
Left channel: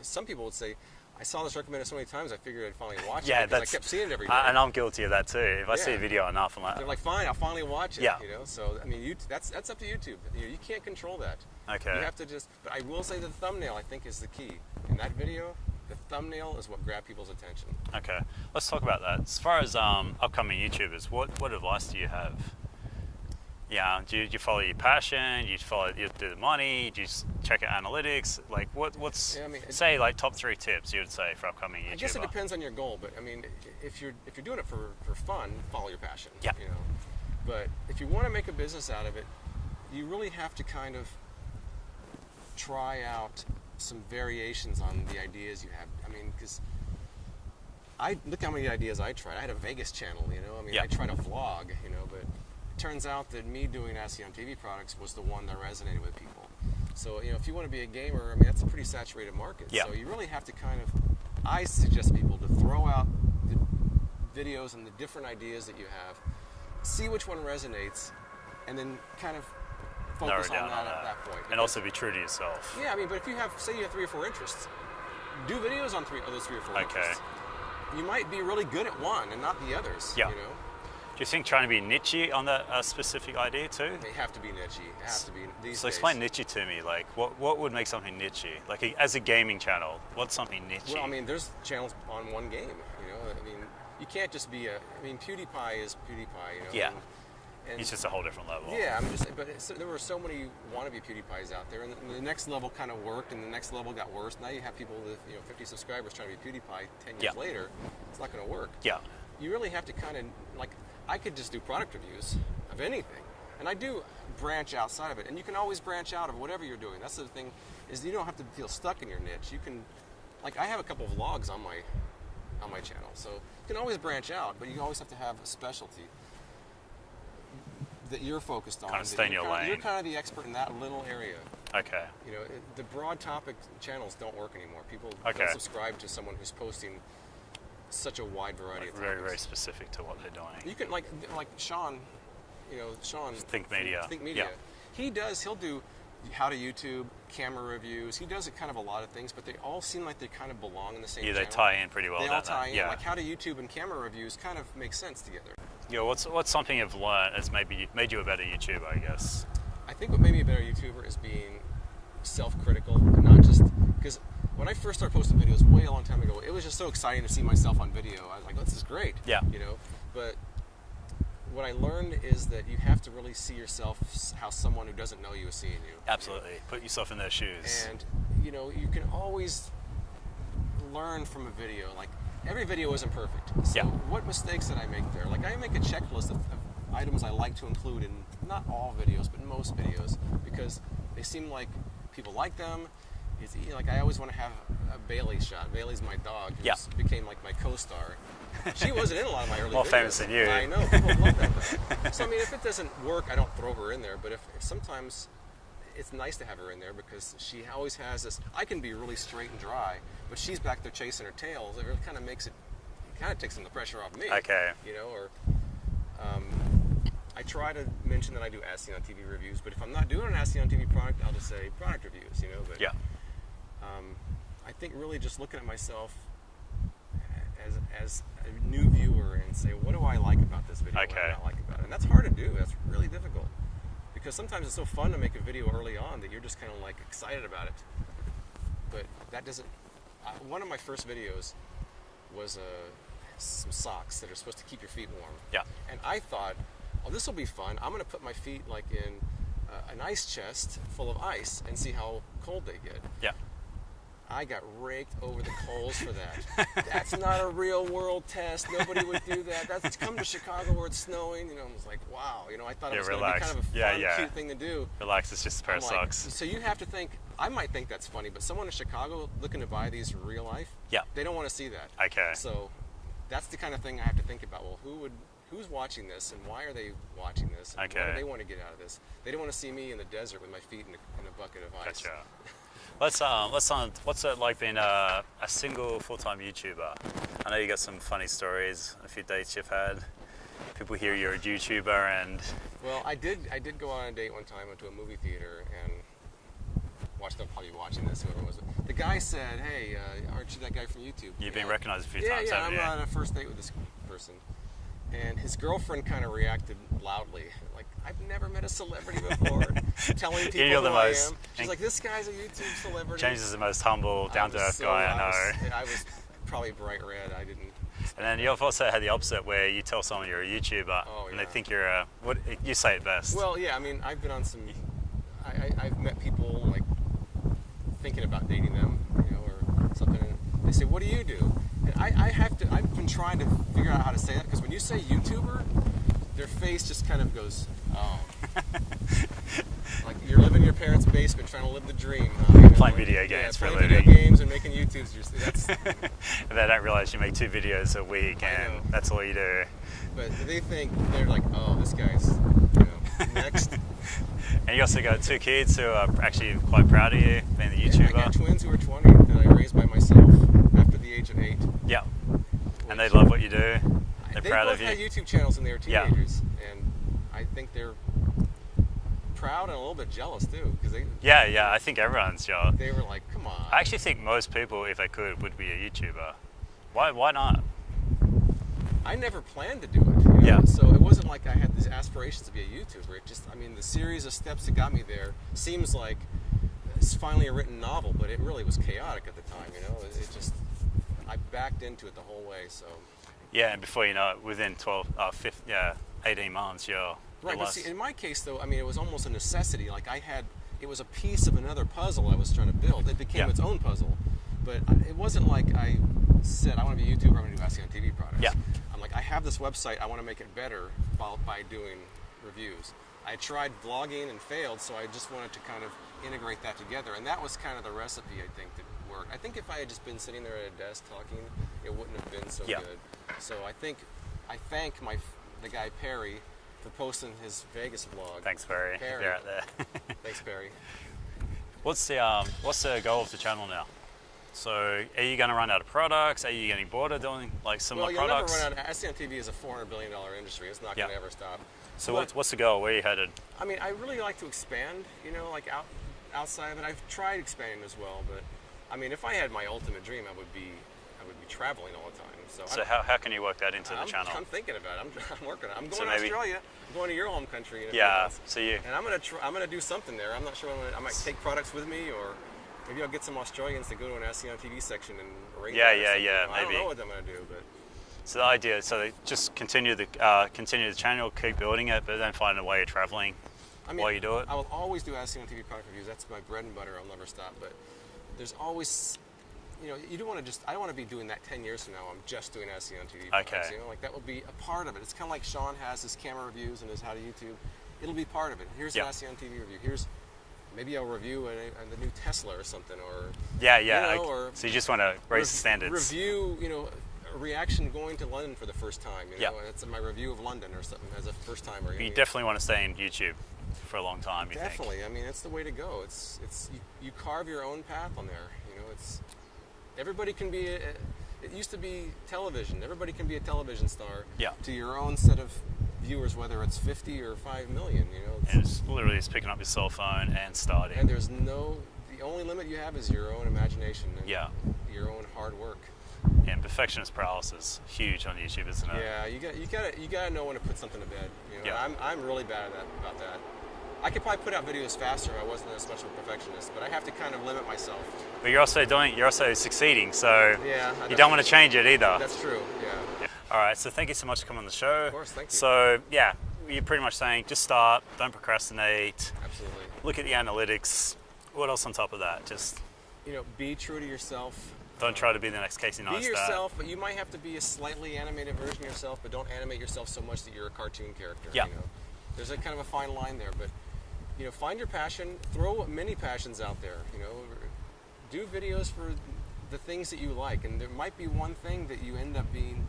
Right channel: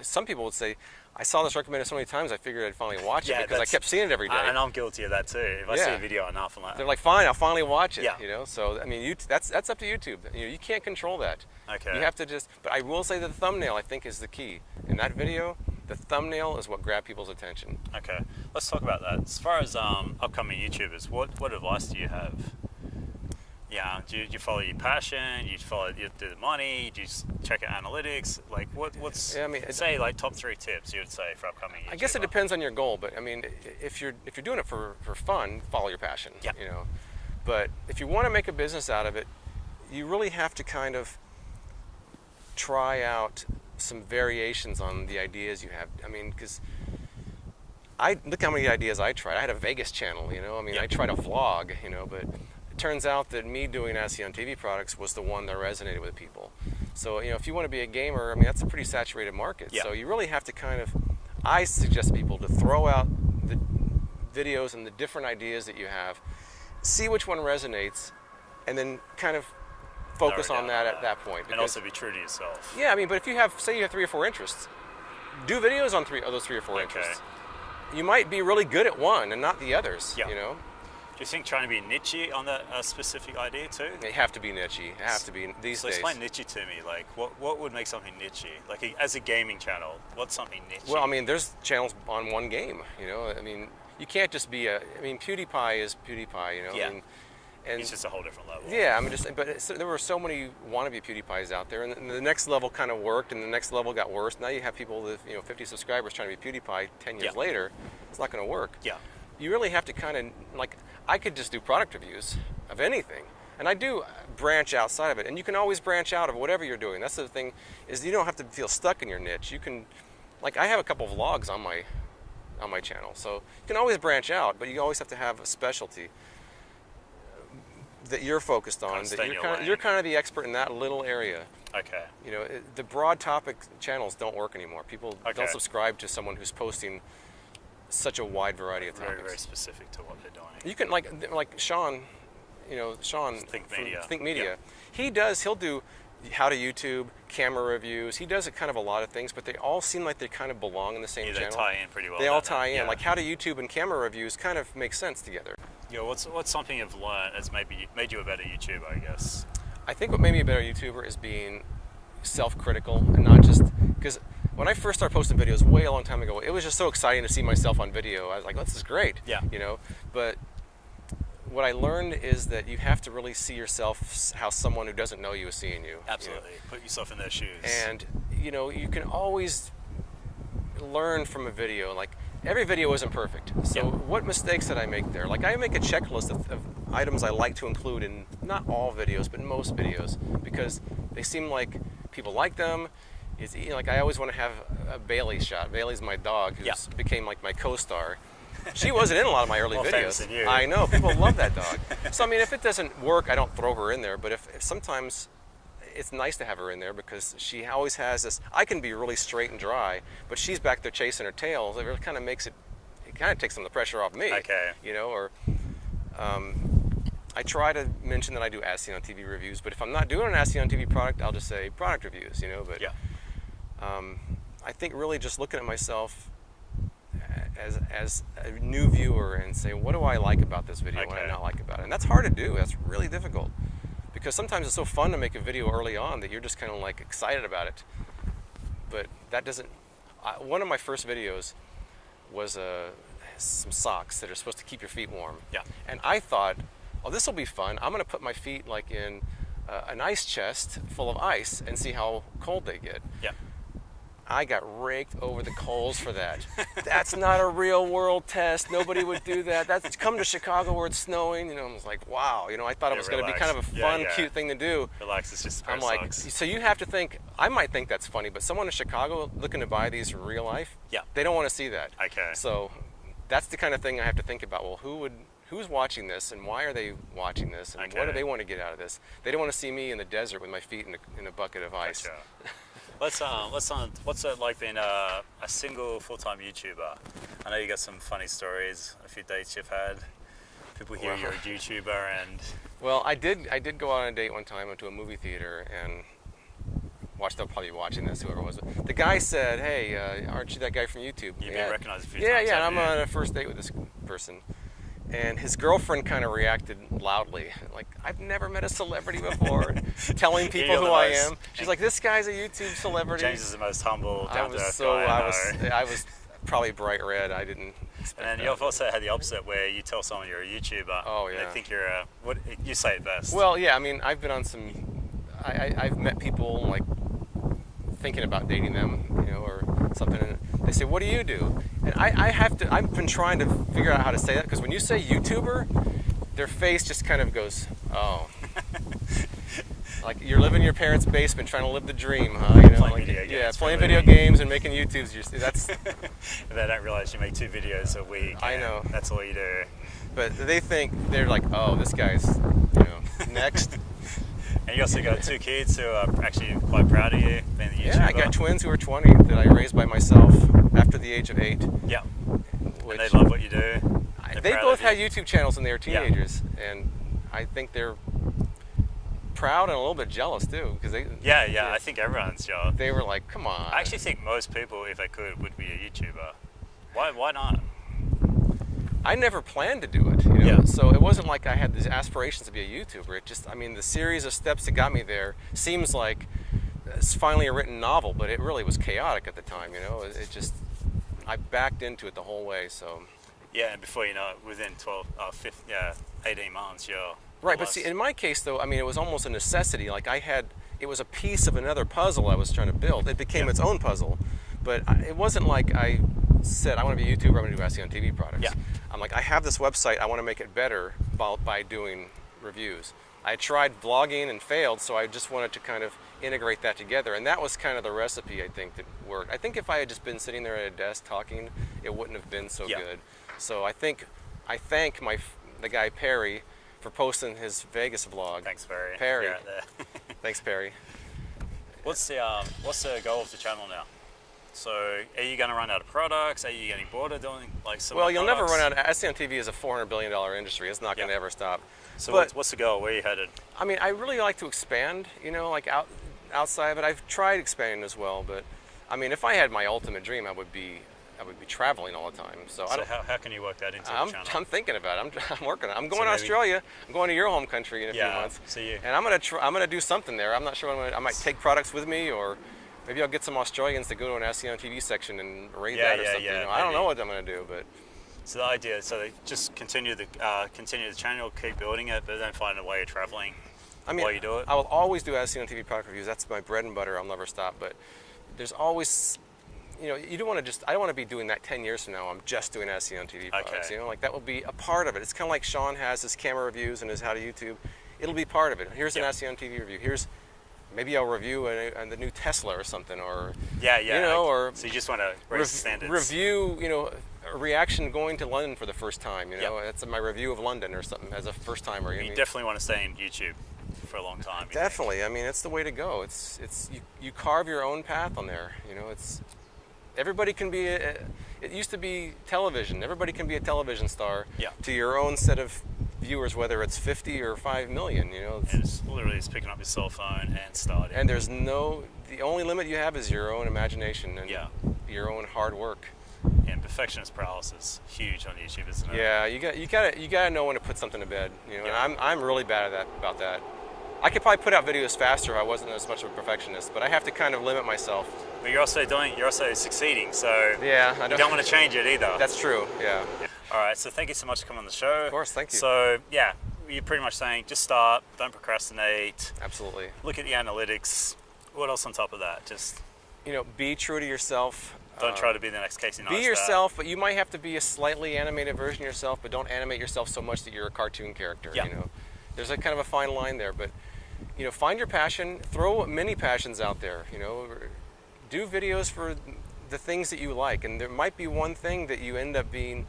some people would say, I saw this recommended so many times, I figured I'd finally watch it because I kept seeing it every day. And I'm guilty of that too. If I see a video enough, I'm like, they're like, fine, I'll finally watch it. Yeah. So I mean, that's up to YouTube. You can't control that. Okay. You have to but I will say the thumbnail, I think, is the key. In that video, the thumbnail is what grabbed people's attention. Okay, let's talk about that. As far as upcoming YouTubers, what advice do you have? Yeah, do you follow your passion? You do the money? Do you just check out analytics? Like, what's say like top 3 tips you would say for upcoming YouTuber? I guess it depends on your goal, but I mean, if you're doing it for fun, follow your passion. Yeah. But if you want to make a business out of it, you really have to kind of try out some variations on the ideas you have. I mean, because look how many ideas I tried. I had a Vegas channel, I tried a vlog, but it turns out that me doing SEO on TV products was the one that resonated with people. So, if you want to be a gamer, I mean, that's a pretty saturated market. Yeah. So you really have to I suggest people to throw out the videos and the different ideas that you have, see which one resonates, and then kind of focus on that at that point. And also be true to yourself. Yeah, I mean, but if you have, say you have 3 or 4 interests, do videos on those 3 or 4 interests. You might be really good at one and not the others, Do you think trying to be niche on that specific idea too? They have to be niche. They have to be these days. So explain niche to me. Like, what would make something niche? Like, as a gaming channel, what's something niche? Well, I mean, there's channels on one game. I mean, you can't just be PewDiePie is PewDiePie. Yeah. And it's just a whole different level. Yeah, there were so many wannabe PewDiePies out there, and the next level kind of worked, and the next level got worse. Now you have people with 50 subscribers trying to be PewDiePie 10 years later. It's not going to work. Yeah. You really have to kind of I could just do product reviews of anything, and I do branch outside of it. And you can always branch out of whatever you're doing. That's the thing, is you don't have to feel stuck in your niche. You can, I have a couple of vlogs on my channel, so you can always branch out, but you always have to have a specialty that you're focused on. Kind of stay in your lane. You're kind of the expert in that little area. Okay. The broad topic channels don't work anymore. People don't subscribe to someone who's posting such a wide variety of topics. Very, very specific to what they're doing. You can like Sean, Sean. Think Media. Think Media. Yeah. He'll do how to YouTube, camera reviews. He does a lot of things, but they all seem like they kind of belong in the same channel. Yeah, they tie in pretty well. They all tie in. Like how to YouTube and camera reviews kind of make sense together. What's something you've learned that's maybe made you a better YouTuber, I guess? I think what made me a better YouTuber is being self-critical and not just because when I first started posting videos way a long time ago, it was just so exciting to see myself on video. I was like, oh, this is great. Yeah. But what I learned is that you have to really see yourself how someone who doesn't know you is seeing you. Absolutely. Put yourself in their shoes. And, you can always learn from a video. Like, every video isn't perfect. So what mistakes did I make there? Like, I make a checklist of items I like to include in not all videos, but in most videos, because they seem like people like them. It's, I always want to have a Bailey shot. Bailey's my dog, who became like my co-star. She wasn't in a lot of my early videos. More famous than you. I know, people love that dog. So I mean, if it doesn't work, I don't throw her in there. But if sometimes it's nice to have her in there because she always has this. I can be really straight and dry, but she's back there chasing her tail. It really kind of makes it. It kind of takes some of the pressure off me. Okay. I try to mention that I do SEO on TV reviews, but if I'm not doing an SEO on TV product, I'll just say product reviews. But I think really just looking at myself as a new viewer and say, what do I like about this video? What do I not like about it? And that's hard to do. That's really difficult. Because sometimes it's so fun to make a video early on that you're just kind of like excited about it. But that doesn't... one of my first videos was some socks that are supposed to keep your feet warm. Yeah. And I thought, oh, this will be fun. I'm going to put my feet like in an ice chest full of ice and see how cold they get. Yeah. I got raked over the coals for that. That's not a real world test. Nobody would do that. That's come to Chicago where it's snowing. I was like, wow. I thought it was going to be kind of a fun, cute thing to do. Relax, it's just a pair of socks. So you have to think, I might think that's funny, but someone in Chicago looking to buy these in real life, they don't want to see that. Okay. So that's the kind of thing I have to think about. Well, who's watching this and why are they watching this? And what do they want to get out of this? They don't want to see me in the desert with my feet in a bucket of ice. Gotcha. What's it like being a single full-time YouTuber? I know you got some funny stories, a few dates you've had. people hear you're a YouTuber and... Well, I did go out on a date one time. I went to a movie theater and they'll probably be watching this, whoever it was. The guy said, "Hey, aren't you that guy from YouTube?" You've been recognized a few yeah, times. Yeah, haven't I'm you? on a first date with this person. And his girlfriend kind of reacted loudly, like, "I've never met a celebrity before," telling people who I am. She's like, "This guy's a YouTube celebrity." James is the most humble, down-to-earth guy I know. I was probably bright red. I didn't. And then you've also had the opposite, where you tell someone you're a YouTuber, and they think you're a... What you say it best. Well, yeah. I mean, I've been on some. I've met people like thinking about dating them, or something. And they say, "What do you do?" And I've been trying to figure out how to say that, because when you say YouTuber, their face just kind of goes, "Oh." Like you're living in your parents' basement trying to live the dream, huh? Playing video games. Yeah, playing video games and making YouTubes. That's. And they don't realize you make 2 videos a week, and that's all you do. But they think, they're like, "Oh, this guy's, next." And you also got 2 kids who are actually quite proud of you being the YouTuber. Yeah, I got twins who are 20 that I raised by myself after the age of 8. Yeah. And they love what you do. They both had YouTube channels when they were teenagers, and I think they're proud and a little bit jealous too, because they. Yeah, I think everyone's jealous. They were like, "Come on." I actually think most people, if they could, would be a YouTuber. Why not? I never planned to do it. Yeah. So it wasn't like I had these aspirations to be a YouTuber. It just, the series of steps that got me there seems like it's finally a written novel, but it really was chaotic at the time. It just, I backed into it the whole way. So. Yeah, and before you know it, within 18 months, you're right. But see, in my case though, it was almost a necessity. Like it was a piece of another puzzle I was trying to build. It became its own puzzle, but it wasn't like I said, "I want to be a YouTuber. I'm going to do SEO on TV products." Yeah. I'm like, I have this website. I want to make it better by doing reviews. I tried vlogging and failed, so I just wanted to kind of integrate that together, and that was kind of the recipe I think that worked. I think if I had just been sitting there at a desk talking, it wouldn't have been so good. So I thank the guy Perry for posting his Vegas vlog. Thanks, Perry. Perry. You're out there. Thanks, Perry. What's the goal of the channel now? So, are you going to run out of products? Are you getting bored of doing similar products? Well, you'll never run out. SEO on TV is a $400 billion industry. It's not going to ever stop. So, what's the goal? Where are you headed? I really like to expand. Outside of it, I've tried expanding as well. But if I had my ultimate dream, I would be traveling all the time. So how can you work that into the channel? I'm thinking about it. I'm working on it. I'm going to Australia. I'm going to your home country in a few months. And I'm gonna do something there. I'm not sure. I might take products with me, or maybe I'll get some Australians to go to an SEO on TV section and rate that or something. I don't know what I'm gonna do, but. So the idea, they just continue the channel, keep building it, but then find a way of traveling while you do it. I will always do SEO on TV product reviews. That's my bread and butter. I'll never stop. But there's always, you don't want to I don't want to be doing that 10 years from now. I'm just doing SEO on TV products. Okay. That will be a part of it. It's kind of like Sean has his camera reviews and his how to YouTube. It'll be part of it. Here's an SEO on TV review. Maybe I'll review the new Tesla or something, or so you just want to raise the standards. Review, a reaction going to London for the first time. That's my review of London or something as a first timer. You definitely want to stay in YouTube for a long time. Definitely. It's the way to go. You carve your own path on there. Everybody can be. It used to be television. Everybody can be a television star. Yeah. To your own set of viewers, whether it's 50 or 5 million. And it's literally just picking up your cell phone and starting. And the only limit you have is your own imagination and your own hard work. And perfectionist paralysis is huge on YouTube, isn't it? Yeah, you gotta know when to put something to bed. I'm really bad about that. I could probably put out videos faster if I wasn't as much of a perfectionist, but I have to kind of limit myself. But you're also succeeding, so you don't want to change it either. That's true. Yeah. All right, so thank you so much for coming on the show. Of course, thank you. So you're pretty much saying just start, don't procrastinate. Absolutely. Look at the analytics. What else on top of that? Just be true to yourself. Don't try to be the next Casey Neistat. Be yourself, but you might have to be a slightly animated version of yourself, but don't animate yourself so much that you're a cartoon character. Yeah. There's a kind of a fine line there, but find your passion, throw many passions out there, do videos for the things that you like, and there might be one thing that you end up being,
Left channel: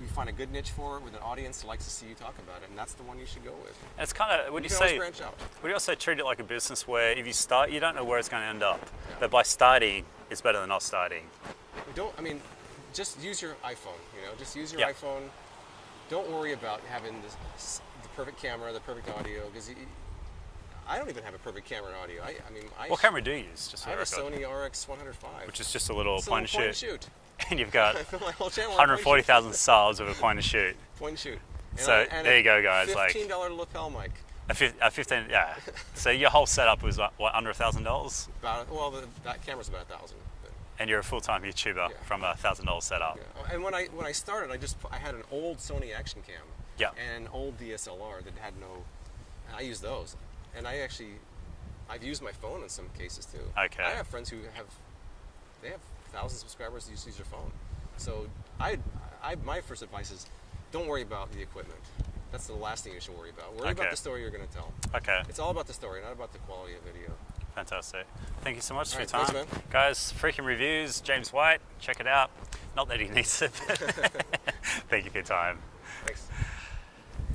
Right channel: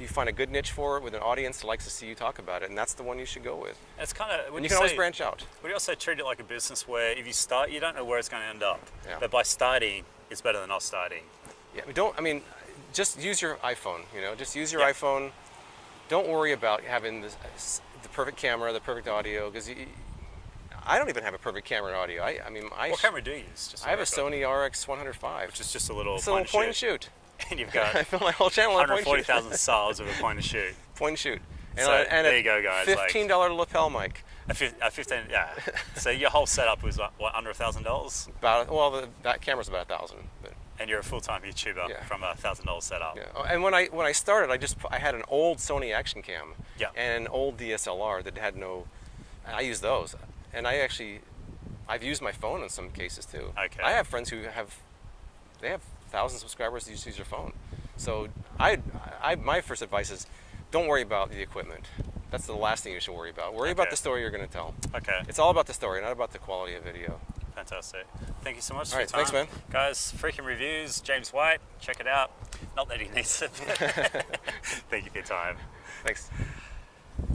you find a good niche for it with an audience that likes to see you talk about it, and that's the one you should go with. And it's kind of, you can always branch out. Would you also treat it like a business where if you start, you don't know where it's going to end up, Yeah. but by starting, it's better than not starting. Yeah, just use your iPhone, just use your iPhone, don't worry about having the perfect camera, the perfect audio, because I don't even have a perfect camera and audio. I mean, What camera do you use? Just I have a Sony RX 105. which is just a little It's a point little and point shoot. and shoot. And you've got I filmed my whole channel on point and shoot. 140,000 subs with a point and shoot. Point and shoot. And So and there you go, guys. $15 lapel mic. A 15, yeah. So your whole setup was what, under $1,000? Well, that camera's about $1,000. And you're a full-time YouTuber Yeah. from a $1,000 setup. Yeah. Oh, and when I started, I had an old Sony Action Cam. Yeah. And an old DSLR that had no. I used those, and I've used my phone in some cases too. Okay. I have friends who have 1,000 subscribers who use their phone. So my first advice is, don't worry about the equipment. That's the last thing you should worry about. Worry about Okay. the story you're going to tell. Okay. It's all about the story, not about the quality of video. Fantastic. Thank you so much for All your right, time. thanks, man. Guys, Freakin Reviews, James White, check it out. Not that he needs it, but thank you for your time. Thanks.